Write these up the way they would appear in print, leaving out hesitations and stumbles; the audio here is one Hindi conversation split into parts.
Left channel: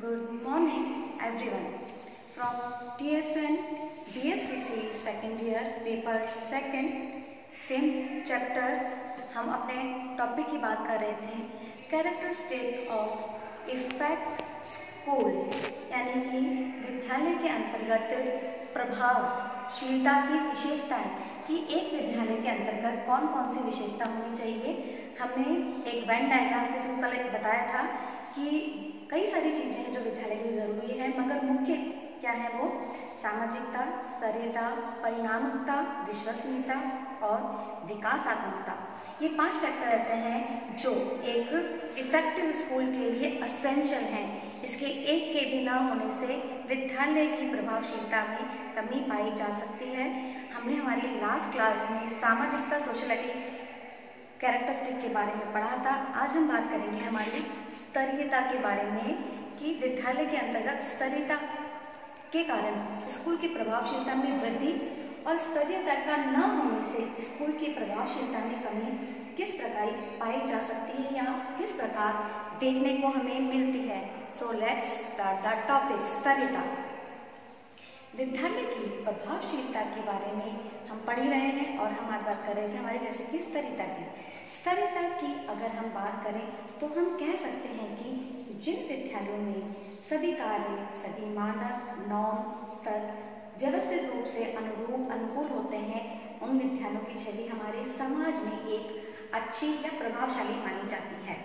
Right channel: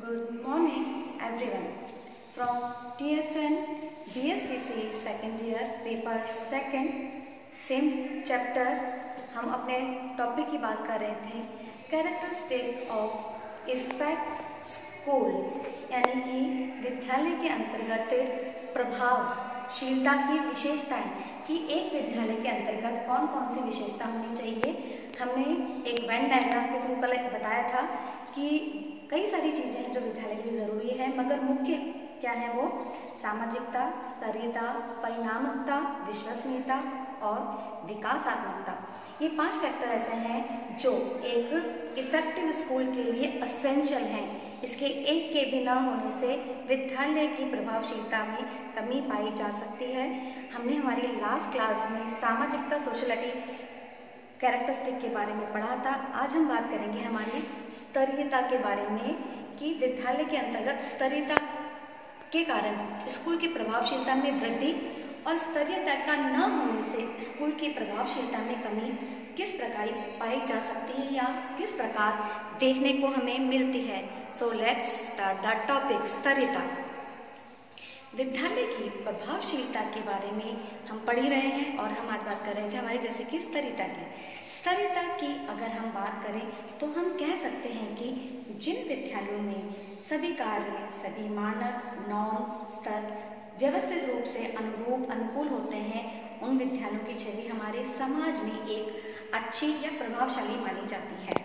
Good morning everyone. From TSN BSTC second year paper second same chapter हम अपने टॉपिक की बात कर रहे थे कैरेक्टरिस्टिक ऑफ इफेक्ट स्कूल यानी कि विद्यालय के अंतर्गत प्रभावशीलता की विशेषताएं कि एक विद्यालय के अंतर्गत कौन कौन सी विशेषता होनी चाहिए। हमने एक वेन डायग्राम के थ्रू कल बताया था कि कई सारी चीज़ें हैं जो विद्यालय के लिए ज़रूरी है, मगर मुख्य क्या है वो सामाजिकता, स्तरीयता, परिणामकता, विश्वसनीयता और विकासात्मकता। ये 5 फैक्टर ऐसे हैं जो एक इफेक्टिव स्कूल के लिए असेंशियल हैं। इसके एक के बिना होने से विद्यालय की प्रभावशीलता में कमी पाई जा सकती है। हमने हमारी लास्ट क्लास में सामाजिकता सोशलिटी कैरेक्टरिस्टिक के बारे में पढ़ा था। आज हम बात करेंगे हमारी स्तरीयता के बारे में कि विद्यालय के अंतर्गत स्तरीयता के कारण स्कूल की प्रभावशीलता में वृद्धि और स्तरीयता का न होने से स्कूल की प्रभावशीलता में कमी किस प्रकार पाई जा सकती है या किस प्रकार देखने को हमें मिलती है। So let's start the topic स्तरीयता। विद्यालय की प्रभावशीलता के बारे में हम पढ़ ही रहे हैं और हम आज बात कर रहे थे हमारे जैसे कि स्तरीयता की अगर हम बात करें तो हम कह सकते हैं कि जिन विद्यालयों में सभी कार्य, सभी मानक, नॉर्म्स, स्तर व्यवस्थित रूप से अनुकूल होते हैं, उन विद्यालयों की छवि हमारे समाज में एक अच्छी या प्रभावशाली मानी जाती है।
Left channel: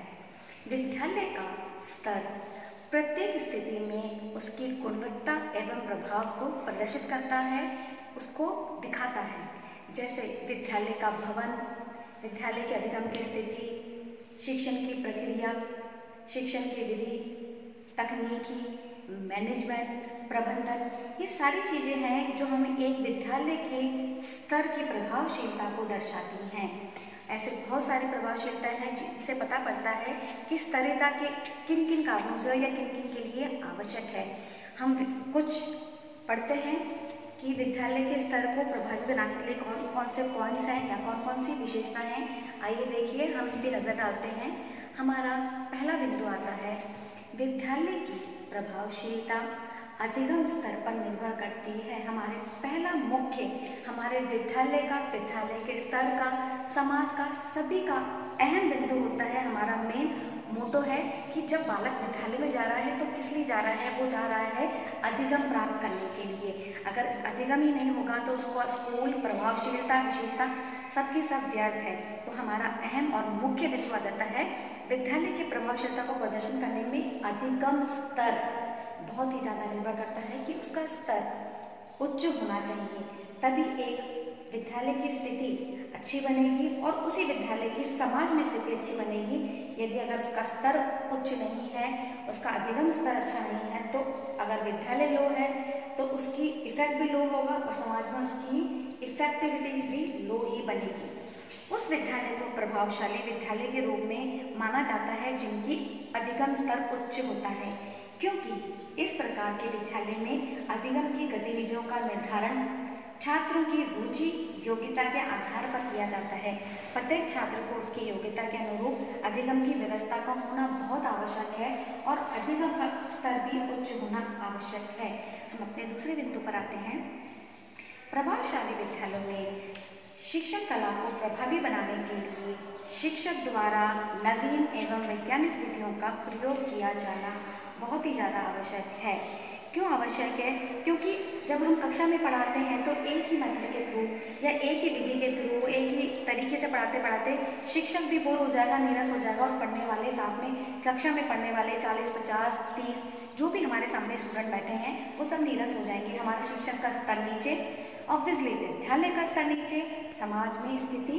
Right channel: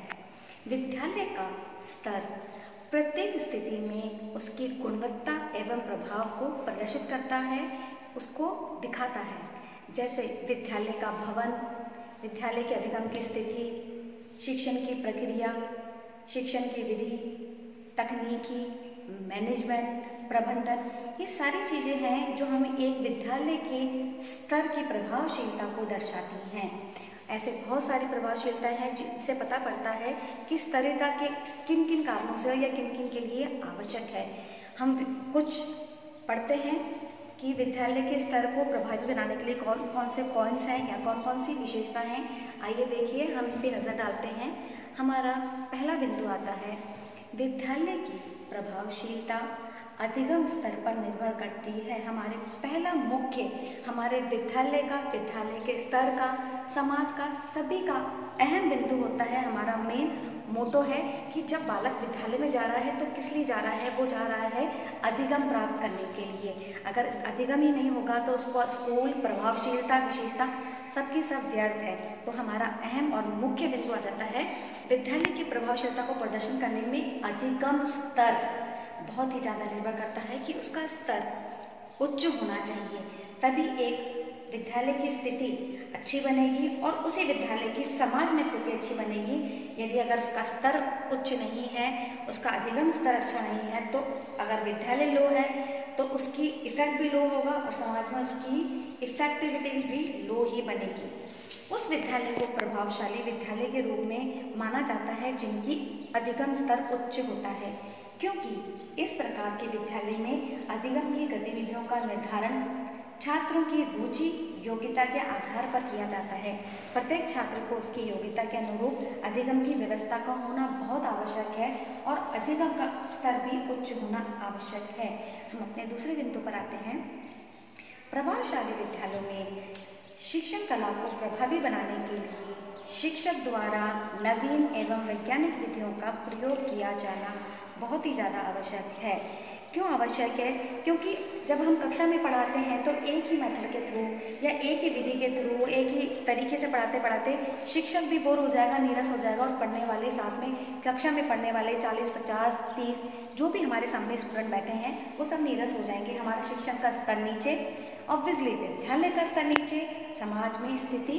विद्यालय का स्तर प्रत्येक स्थिति में उसकी गुणवत्ता एवं प्रभाव को प्रदर्शित करता है, उसको दिखाता है। जैसे विद्यालय का भवन, विद्यालय के अधिगम की स्थिति, शिक्षण की प्रक्रिया, शिक्षण की विधि, तकनीकी, मैनेजमेंट, प्रबंधन, ये सारी चीज़ें हैं जो हमें एक विद्यालय के स्तर की प्रभावशीलता को दर्शाती हैं। ऐसे बहुत सारी प्रभावशीलता है जिनसे पता पड़ता है कि स्तरीयता के किन किन कारणों से या किन किन के लिए आवश्यक है। हम कुछ पढ़ते हैं कि विद्यालय के स्तर को प्रभावी बनाने के लिए कौन कौन से पॉइंट्स हैं या कौन कौन सी विशेषताएं हैं। आइए देखिए, हम इन पर नज़र डालते हैं। हमारा पहला बिंदु आता है विद्यालय की प्रभावशीलता अधिगम स्तर पर निर्भर करती है। हमारे पहला मुख्य हमारे विद्यालय के स्तर का, समाज का, सभी का अहम बिंदु होता है। हमारा मेन मोटो है कि जब बालक विद्यालय में जा रहा है तो किस लिए जा रहा है? वो जा रहा है अधिगम प्राप्त करने के लिए। अगर अधिगम ही नहीं होगा तो उसको स्कूल प्रभावशीलता, विशेषता सबकी सब व्यर्थ है। तो हमारा अहम और मुख्य बिंदु आ जाता है विद्यालय की प्रभावशीलता को प्रदर्शन करने में अधिगम स्तर बहुत ही ज़्यादा निर्भर करता है कि उसका स्तर उच्च होना चाहिए, तभी एक विद्यालय की स्थिति अच्छी बनेगी और उसी विद्यालय की समाज में स्थिति अच्छी बनेगी। यदि अगर उसका स्तर उच्च नहीं है, उसका अधिगम स्तर अच्छा नहीं है, तो अगर विद्यालय लो है तो उसकी इफेक्ट भी लो होगा और समाज में उसकी इफेक्टिविटी भी लो ही बनेगी। उस विद्यालय को प्रभावशाली विद्यालय के रूप में माना जाता है जिनकी अधिगम स्तर उच्च होता है, क्योंकि इस प्रकार के विद्यालय में अधिगम की गतिविधियों का निर्धारण छात्रों की रुचि, योग्यता के आधार पर किया जाता है। प्रत्येक छात्र को उसकी योग्यता के अनुरूप अधिगम की व्यवस्था का होना बहुत आवश्यक है और अधिगम का स्तर भी उच्च होना आवश्यक है। हम अपने दूसरे बिंदु पर आते हैं। प्रभावशाली विद्यालयों में शिक्षण कला को प्रभावी बनाने के लिए शिक्षक द्वारा नवीन एवं वैज्ञानिक विधियों का प्रयोग किया जाना बहुत ही ज़्यादा आवश्यक है। क्यों आवश्यक है? क्योंकि जब हम कक्षा में पढ़ाते हैं तो एक ही मेथड के थ्रू या एक ही विधि के थ्रू एक ही तरीके से पढ़ाते पढ़ाते शिक्षक भी बोर हो जाएगा, नीरस हो जाएगा और पढ़ने वाले साथ में कक्षा में पढ़ने वाले 40, 50, 30 जो भी हमारे सामने स्टूडेंट बैठे हैं वो सब नीरस हो जाएंगे। हमारा शिक्षण का स्तर नीचे, ऑब्वियसली विद्यालय का स्तर नीचे, समाज में स्थिति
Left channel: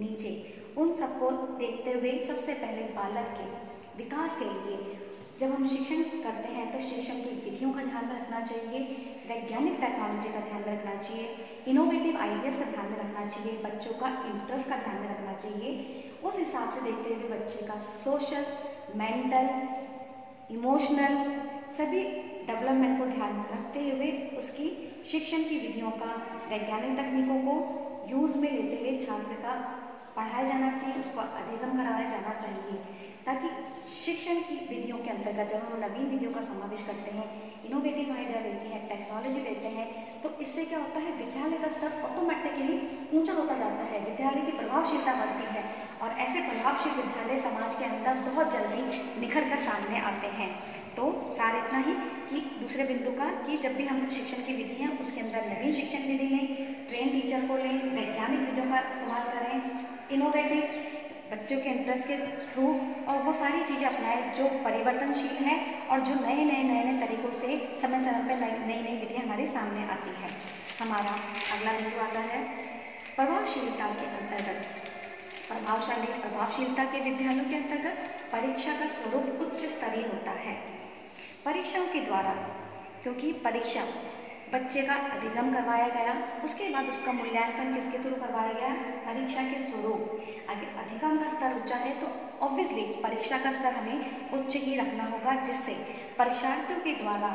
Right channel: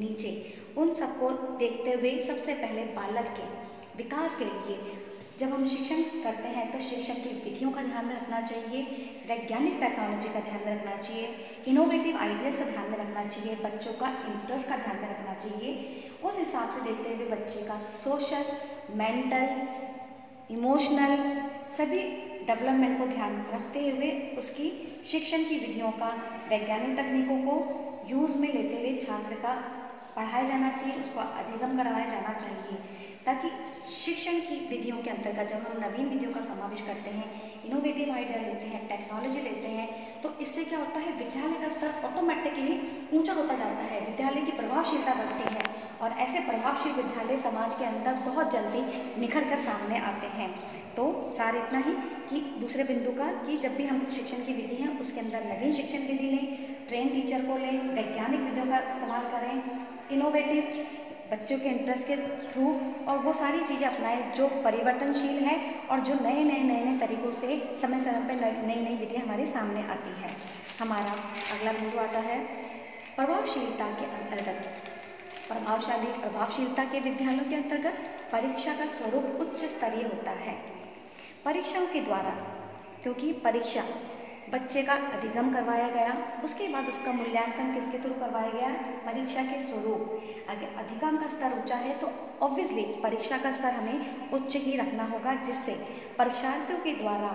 नीचे। उन सबको देखते हुए सबसे पहले बालक के विकास के लिए जब हम शिक्षण करते हैं तो शिक्षण की विधियों का ध्यान में रखना चाहिए, वैज्ञानिक टेक्नोलॉजी का ध्यान में रखना चाहिए, इनोवेटिव आइडियाज़ का ध्यान में रखना चाहिए, बच्चों का इंटरेस्ट का ध्यान में रखना चाहिए। उस हिसाब से देखते हुए बच्चे का सोशल, मेंटल, इमोशनल सभी डेवलपमेंट को ध्यान में रखते हुए उसकी शिक्षण की विधियों का, वैज्ञानिक तकनीकों को यूज़ में लेते हुए छात्र का पढ़ाया जाना चाहिए, उसको अधिगम कराया जाना चाहिए। ताकि शिक्षण की विधियों के अंतर्गत जब हम नवीन विधियों का समावेश करते हैं, इनोवेटिव आइडिया लेते हैं, टेक्नोलॉजी लेते हैं, तो इससे क्या होता है, विद्यालय का स्तर ऑटोमेटिकली ऊंचा होता जाता है, विद्यालय की प्रभावशीलता बढ़ती है और ऐसे प्रभावशील विद्यालय समाज के अंदर बहुत जल्दी निखर कर सामने आते हैं। तो सार इतना ही कि दूसरे बिंदु का कि जब भी हम शिक्षण की विधि है उसके अंदर नवीन शिक्षण विधि लें, ट्रेन टीचर को लें, वैज्ञानिक विधियों का इस्तेमाल करें, इनोवेटिव बच्चों के इंटरेस्ट के थ्रू, और वो सारी चीज़ें अपनाएं जो परिवर्तनशील है और जो नए नए तरीकों से समय समय पर नई नई विधियाँ हमारे सामने आती है। हमारा अगला बिंदु आता है प्रभावशीलता के अंतर्गत। प्रभावशीलता के विद्यालयों के अंतर्गत परीक्षा का स्वरूप उच्च स्तरीय होता है। परीक्षाओं के द्वारा, क्योंकि परीक्षा बच्चे का अधिगम करवाया गया, उसके बाद उसका मूल्यांकन किसके थ्रू करवाया गया, परीक्षा के स्वरूप। अगर अधिगम का स्तर ऊंचा है तो ऑब्वियसली परीक्षा का स्तर हमें उच्च ही रखना होगा, जिससे परीक्षार्थियों के द्वारा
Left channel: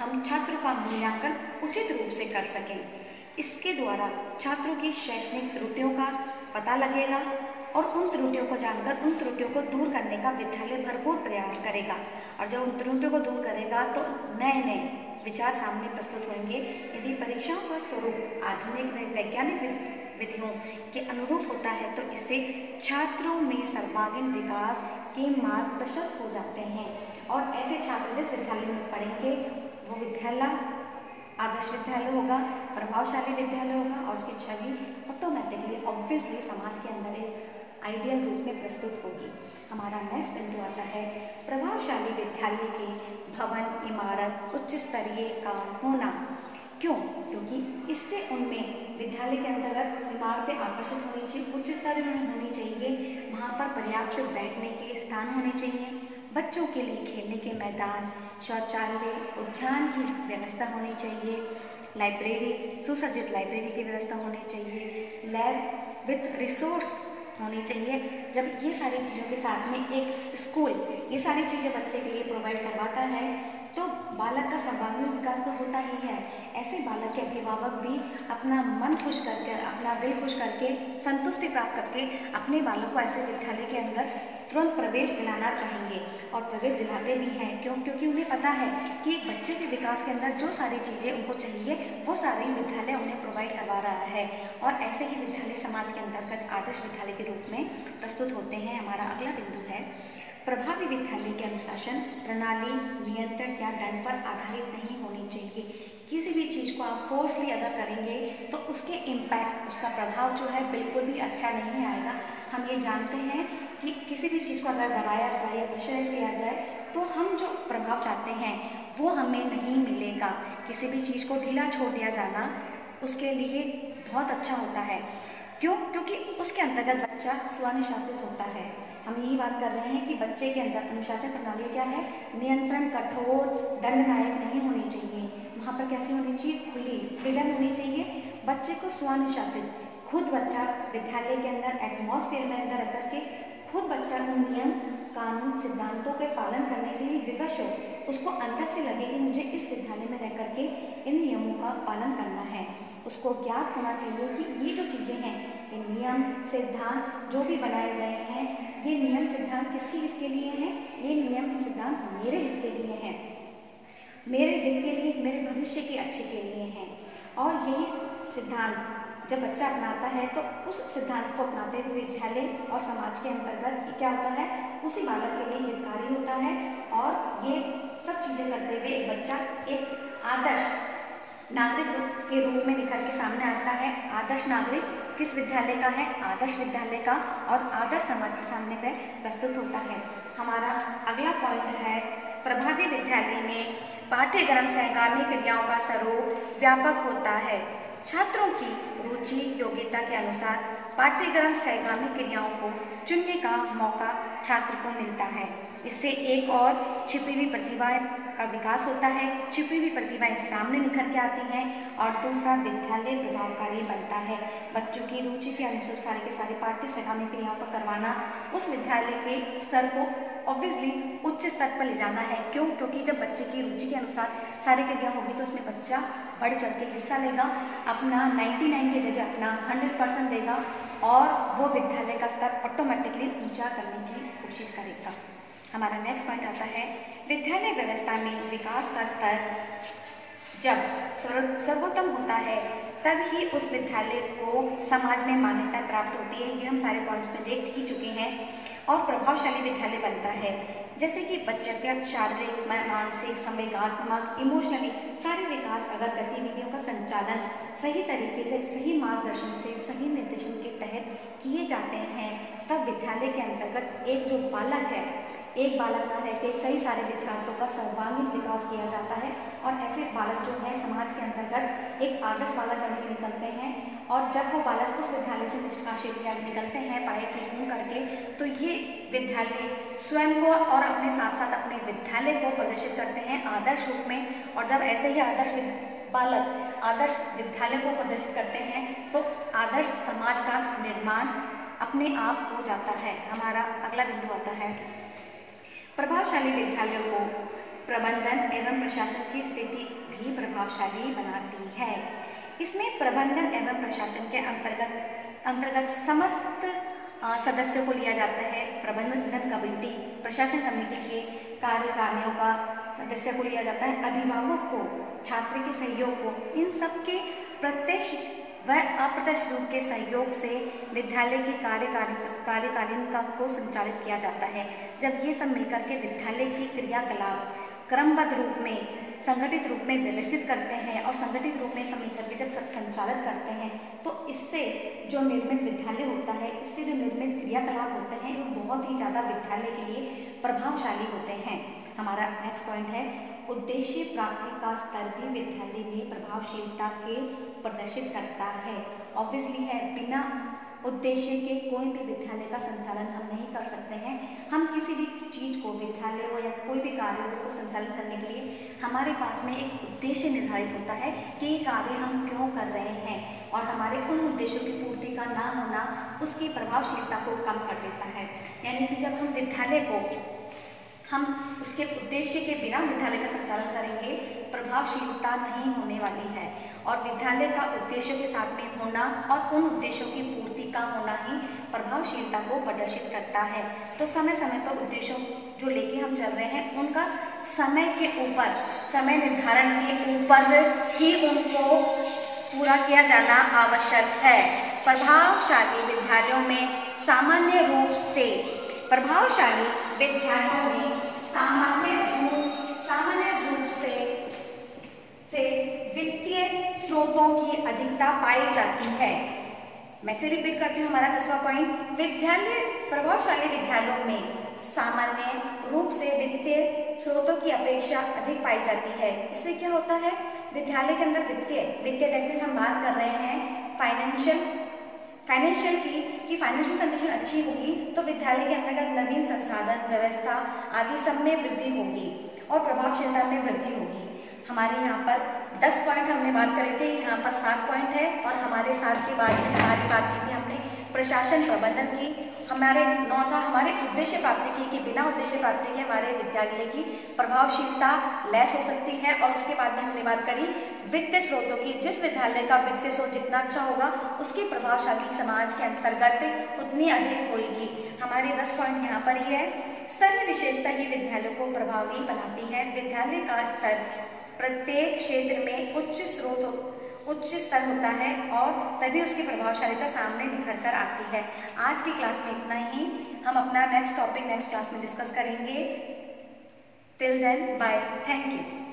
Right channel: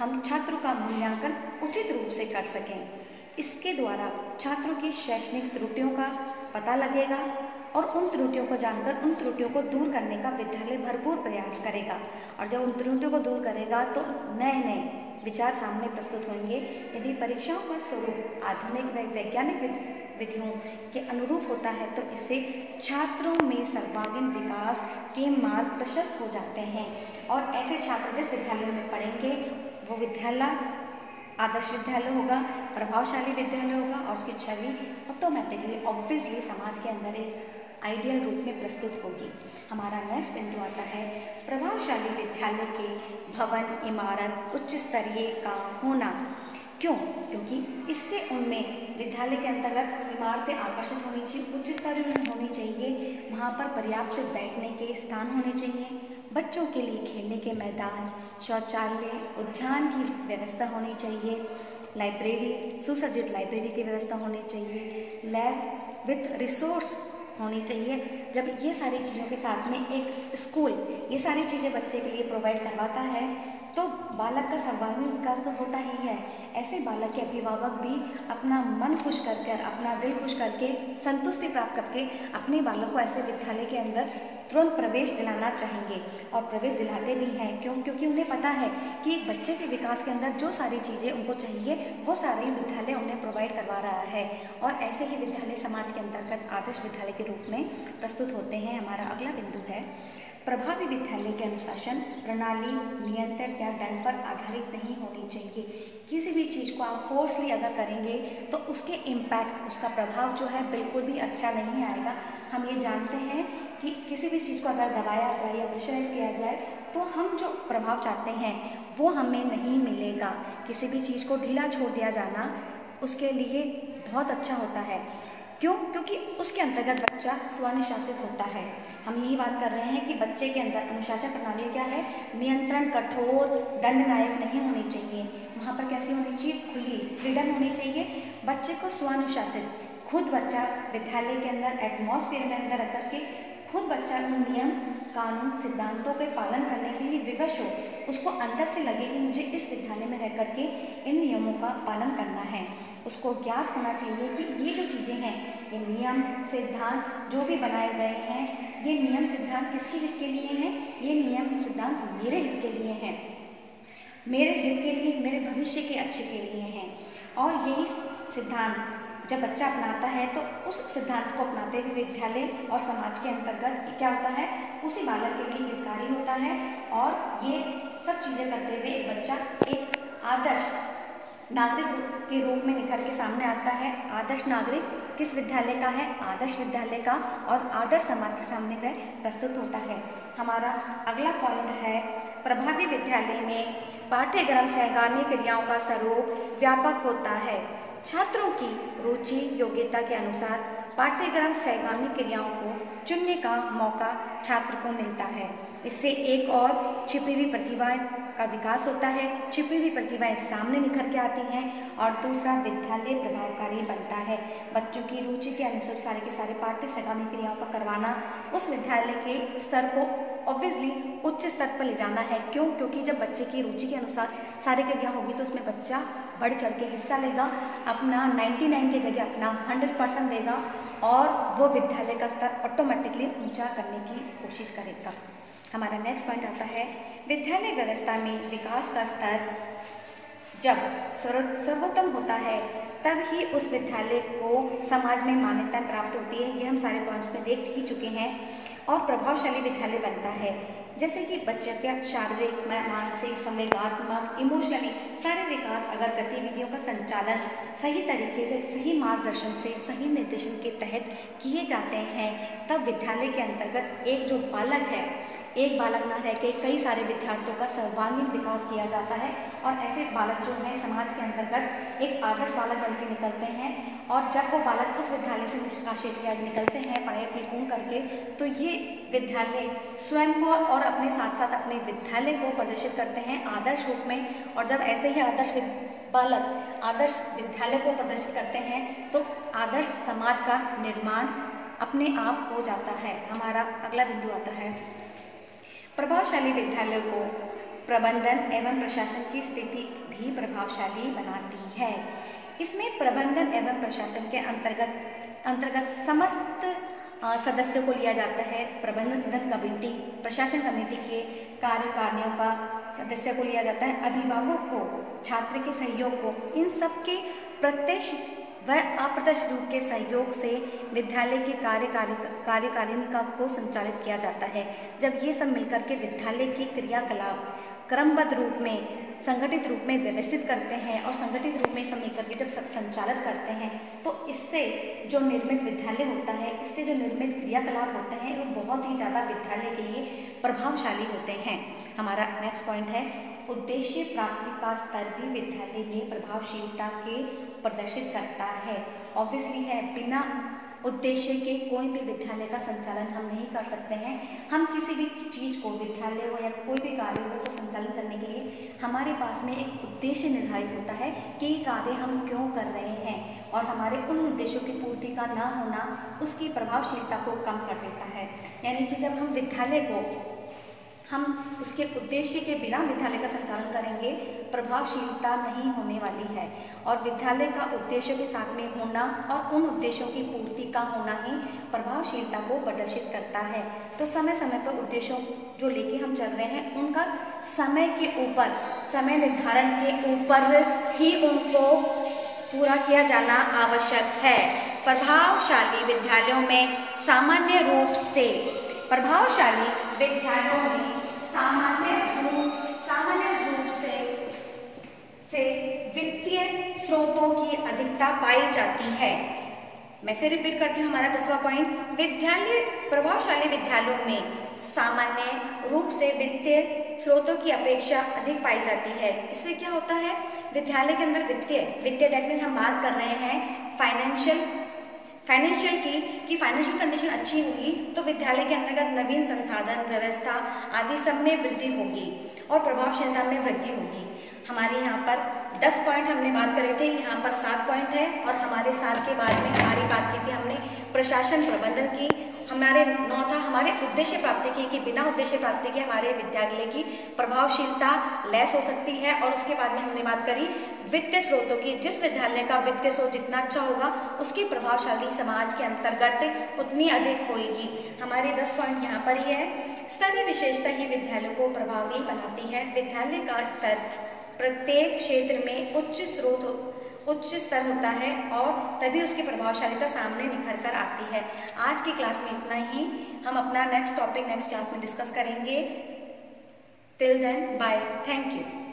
हम छात्र का मूल्यांकन उचित रूप से कर सकें। इसके द्वारा छात्रों की शैक्षणिक त्रुटियों का पता लगेगा और उन त्रुटियों को जानकर उन त्रुटियों को दूर करने का विद्यालय भरपूर प्रयास करेगा, और जब उन त्रुटियों को दूर करेगा तो नए विचार सामने प्रस्तुत होंगे। यदि परीक्षाओं का स्वरूप आधुनिक व वैज्ञानिक विधियों के अनुरूप होता है तो इससे छात्रों में सर्वांगीण विकास के मार्ग प्रशस्त हो जाते हैं, और ऐसे छात्र जिस विद्यालय में पढ़ेंगे वो विद्यालय आदर्श विद्यालय होगा, प्रभावशाली विद्यालय होगा, और उसकी छवि ऑटोमेटिकली ऑब्वियसली समाज के अंदर एक आइडियल रूप में प्रस्तुत होगी। हमारा नेक्स्ट बिंदु आता है प्रभावशाली विद्यालय के भवन इमारत उच्च स्तरीय का होना। क्यों? क्योंकि इससे उनमें विद्यालय के अंतर्गत इमारतें आकर्षित होनी चाहिए, उच्च स्तरीय में होनी चाहिए, वहाँ पर पर्याप्त बैठने के स्थान होने चाहिए, बच्चों के लिए खेलने के मैदान, शौचालय, उद्यान की व्यवस्था होनी चाहिए, लाइब्रेरी, सुसज्जित लाइब्रेरी की व्यवस्था होनी चाहिए, लैब विथ रिसोर्स होनी चाहिए। जब ये सारी चीज़ों के साथ में एक स्कूल ये सारी चीज़ें बच्चे के लिए प्रोवाइड करवाता है तो बालक का सर्वांगीण विकास तो होता ही है। ऐसे बालक के अभिभावक भी अपना मन खुश करके, अपना दिल खुश करके, संतुष्टि प्राप्त करके अपने बालक को ऐसे विद्यालय के अंदर तुरंत प्रवेश दिलाना चाहेंगे, और प्रवेश दिलाते भी हैं। क्यों? क्योंकि उन्हें पता है कि एक बच्चे के विकास के अंदर जो सारी चीज़ें उनको चाहिए वो सारी विद्यालय उन्हें प्रोवाइड करवा रहा है, और ऐसे ही विद्यालय समाज के अंतर्गत आदर्श विद्यालय के रूप में प्रस्तुत होते हैं। हमारा अगला बिंदु है प्रभावी विद्यालय के अनुशासन प्रणाली नियंत्रण या दंड पर आधारित नहीं होनी चाहिए। किसी भी चीज़ को आप फोर्सली अगर करेंगे तो उसके इम्पैक्ट, उसका प्रभाव जो है बिल्कुल भी अच्छा नहीं आएगा। हम ये जानते हैं कि किसी भी चीज़ को अगर दबाया जाए या प्रेशराइज किया जाए तो हम जो प्रभाव चाहते हैं वो हमें नहीं मिलेगा। किसी भी चीज़ को ढीला छोड़ दिया जाना उसके लिए बहुत अच्छा होता है। क्यों? क्योंकि उसके अंतर्गत बच्चा स्वानुशासित होता है। हम यही बात कर रहे हैं कि बच्चे के अंदर अनुशासन प्रणाली क्या है, नियंत्रण कठोर दंडनायक नहीं होनी चाहिए। वहाँ पर कैसी होनी चाहिए, खुली फ्रीडम होनी चाहिए। बच्चे को स्वानुशासित, खुद बच्चा विद्यालय के अंदर एटमॉस्फेयर में अंदर रख के खुद बच्चा उन नियम कानून सिद्धांतों के पालन करने के लिए विवश हो। उसको अंदर से लगे कि मुझे इस विद्यालय में रह करके इन नियमों का पालन करना है। उसको ज्ञात होना चाहिए कि ये जो चीज़ें हैं, ये नियम सिद्धांत जो भी बनाए गए हैं, ये नियम सिद्धांत किसके हित के लिए हैं, ये नियम सिद्धांत मेरे हित के लिए हैं, मेरे हित के लिए, मेरे भविष्य के अच्छे के लिए हैं। और यही सिद्धांत जब बच्चा अपनाता है तो उस सिद्धांत को अपनाते हुए विद्यालय और समाज के अंतर्गत क्या होता है, उसी बालक के लिए हितकारी होता है। और ये सब चीज़ें करते हुए एक बच्चा एक आदर्श नागरिक के रूप में निखर के सामने आता है। आदर्श नागरिक किस विद्यालय का है, आदर्श विद्यालय का, और आदर्श समाज के सामने वह प्रस्तुत होता है। हमारा अगला पॉइंट है प्रभावी विद्यालय में पाठ्यक्रम सहगामी क्रियाओं का स्वरूप व्यापक होता है। छात्रों की रुचि योग्यता के अनुसार पाठ्यक्रम सहगामी क्रियाओं को चुनने का मौका छात्र को मिलता है। इससे एक और छिपी हुई प्रतिभाएं का विकास होता है, छिपी हुई प्रतिभाएं सामने निखर के आती हैं, और दूसरा विद्यालय प्रभावकारी बनता है। बच्चों की रुचि के अनुसार सारे के सारे पाठ्य सहगामी क्रियाओं का करवाना उस विद्यालय के स्तर को ऑब्वियसली उच्च स्तर पर ले जाना है। क्यों? क्योंकि जब बच्चे की रुचि के अनुसार सारी क्रिया होगी तो उसमें बच्चा बढ़ चढ़ के हिस्सा लेगा, अपना 99 की जगह अपना 100% देगा, और वो विद्यालय का स्तर ऑटोमेटिकली ऊंचा करने की कोशिश करेगा। हमारा नेक्स्ट पॉइंट आता है विद्यालय व्यवस्था में विकास का स्तर जब सर्वोत्तम होता है तब ही उस विद्यालय को समाज में मान्यता प्राप्त होती है। ये हम सारे पॉइंट्स में देख ही चुके हैं। और प्रभावशाली विद्यालय बनता है जैसे कि बच्चे का शारीरिक, मानसिक, संवेदनात्मक, इमोशनली सारे विकास अगर गतिविधियों का संचालन सही तरीके से, सही मार्गदर्शन से, सही निर्देशन के तहत किए जाते हैं तब विद्यालय के अंतर्गत एक जो बालक है, एक बालक न रह के कई सारे विद्यार्थियों का सर्वांगीण विकास किया जाता है और ऐसे बालक जो है समाज के अंतर्गत एक आदर्श बालक बनकर निकलते हैं। और जब वो बालक उस विद्यालय से निष्कासित या निकलते हैं पढ़ाई पूर्ण करके, तो ये विद्यालय स्वयं को और अपने साथ साथ अपने विद्यालय को प्रदर्शित करते हैं आदर्श रूप में। और जब ऐसे ही आदर्श बालक आदर्श विद्यालय को प्रदर्शित करते हैं तो आदर्श समाज का निर्माण अपने आप हो जाता है। हमारा अगला बिंदु आता है प्रभावशाली विद्यालयों को प्रबंधन एवं प्रशासन की स्थिति भी प्रभावशाली बनाती है। इसमें प्रबंधन एवं प्रशासन के अंतर्गत समस्त सदस्यों को लिया जाता है। प्रबंधन कमेटी, प्रशासन कमेटी के कार्यकारिणियों का सदस्य को लिया जाता है, अभिभावक को, छात्र के सहयोग को, इन सब के प्रत्यक्ष व अप्रत्यक्ष रूप के सहयोग से विद्यालय की कार्यकारिणी को संचालित किया जाता है। जब ये सब मिलकर के विद्यालय की क्रियाकलाप क्रमबद्ध रूप में, संगठित रूप में व्यवस्थित करते हैं और संगठित रूप में सब मिलकर के जब सब संचालित करते हैं तो इससे जो निर्मित विद्यालय होता है, इससे जो निर्मित क्रियाकलाप होते हैं वो बहुत ही ज़्यादा विद्यालय के लिए प्रभावशाली होते हैं। हमारा नेक्स्ट पॉइंट है उद्देश्य प्राप्ति का स्तर भी विद्यालय की प्रभावशीलता के प्रदर्शित करता है। ऑब्वियसली है, बिना उद्देश्य के कोई भी विद्यालय का संचालन हम नहीं कर सकते हैं। हम किसी भी चीज़ को, विद्यालय हो या कोई भी कार्य हो, तो संचालित करने के लिए हमारे पास में एक उद्देश्य निर्धारित होता है कि ये कार्य हम क्यों कर रहे हैं और हमारे उन उद्देश्यों की पूर्ति का ना होना उसकी प्रभावशीलता को कम कर देता है। यानी कि जब हम विद्यालय को हम उसके उद्देश्य के बिना विद्यालय का संचालन करेंगे, प्रभावशीलता नहीं होने वाली है। और विद्यालय का उद्देश्यों के साथ में होना और उन उद्देश्यों की पूर्ति का होना ही प्रभावशीलता को प्रदर्शित करता है। तो समय समय पर उद्देश्यों जो लेके हम चल रहे हैं उनका समय के ऊपर, समय निर्धारण के ऊपर ही उनको पूरा किया जाना आवश्यक है। प्रभावशाली विद्यालयों में सामान्य रूप से वित्तीय स्रोतों की अधिकता पाई जाती है। मैं फिर रिपीट करती हूँ हमारा 10वां पॉइंट, प्रभावशाली विद्यालयों में सामान्य रूप से वित्तीय स्रोतों की अपेक्षा अधिक पाई जाती है। इससे क्या होता है, विद्यालय के अंदर वित्तीय दैट मीन्स हम बात कर रहे हैं फाइनेंशियल की फाइनेंशियल कंडीशन अच्छी होगी तो विद्यालय के अंतर्गत नवीन संसाधन, व्यवस्था आदि सब में वृद्धि होगी और प्रभावशीलता में वृद्धि होगी। हमारे यहाँ पर 10 पॉइंट हमने बात करे थे, यहाँ पर 7 पॉइंट है और हमारे 7 के बाद में हमारी बात की थी हमने प्रशासन प्रबंधन की, हमारे 9 था हमारे उद्देश्य प्राप्ति की, बिना उद्देश्य प्राप्ति के हमारे विद्यालय की प्रभावशीलता लेस हो सकती है। और उसके बाद में हमने बात करी वित्तीय स्रोतों की, जिस विद्यालय का वित्तीय स्रोत जितना अच्छा होगा उसकी प्रभावशाली समाज के अंतर्गत उतनी अधिक होगी। हमारे 10 पॉइंट यहाँ पर ही है। स्तरीय विशेषता ही विद्यालय को प्रभावी बनाती है। विद्यालय का स्तर प्रत्येक क्षेत्र में उच्च स्तर होता है और तभी उसकी प्रभावशालीता सामने निखर कर आती है। आज की क्लास में इतना ही। हम अपना नेक्स्ट टॉपिक नेक्स्ट क्लास में डिस्कस करेंगे। Till then bye, thank you.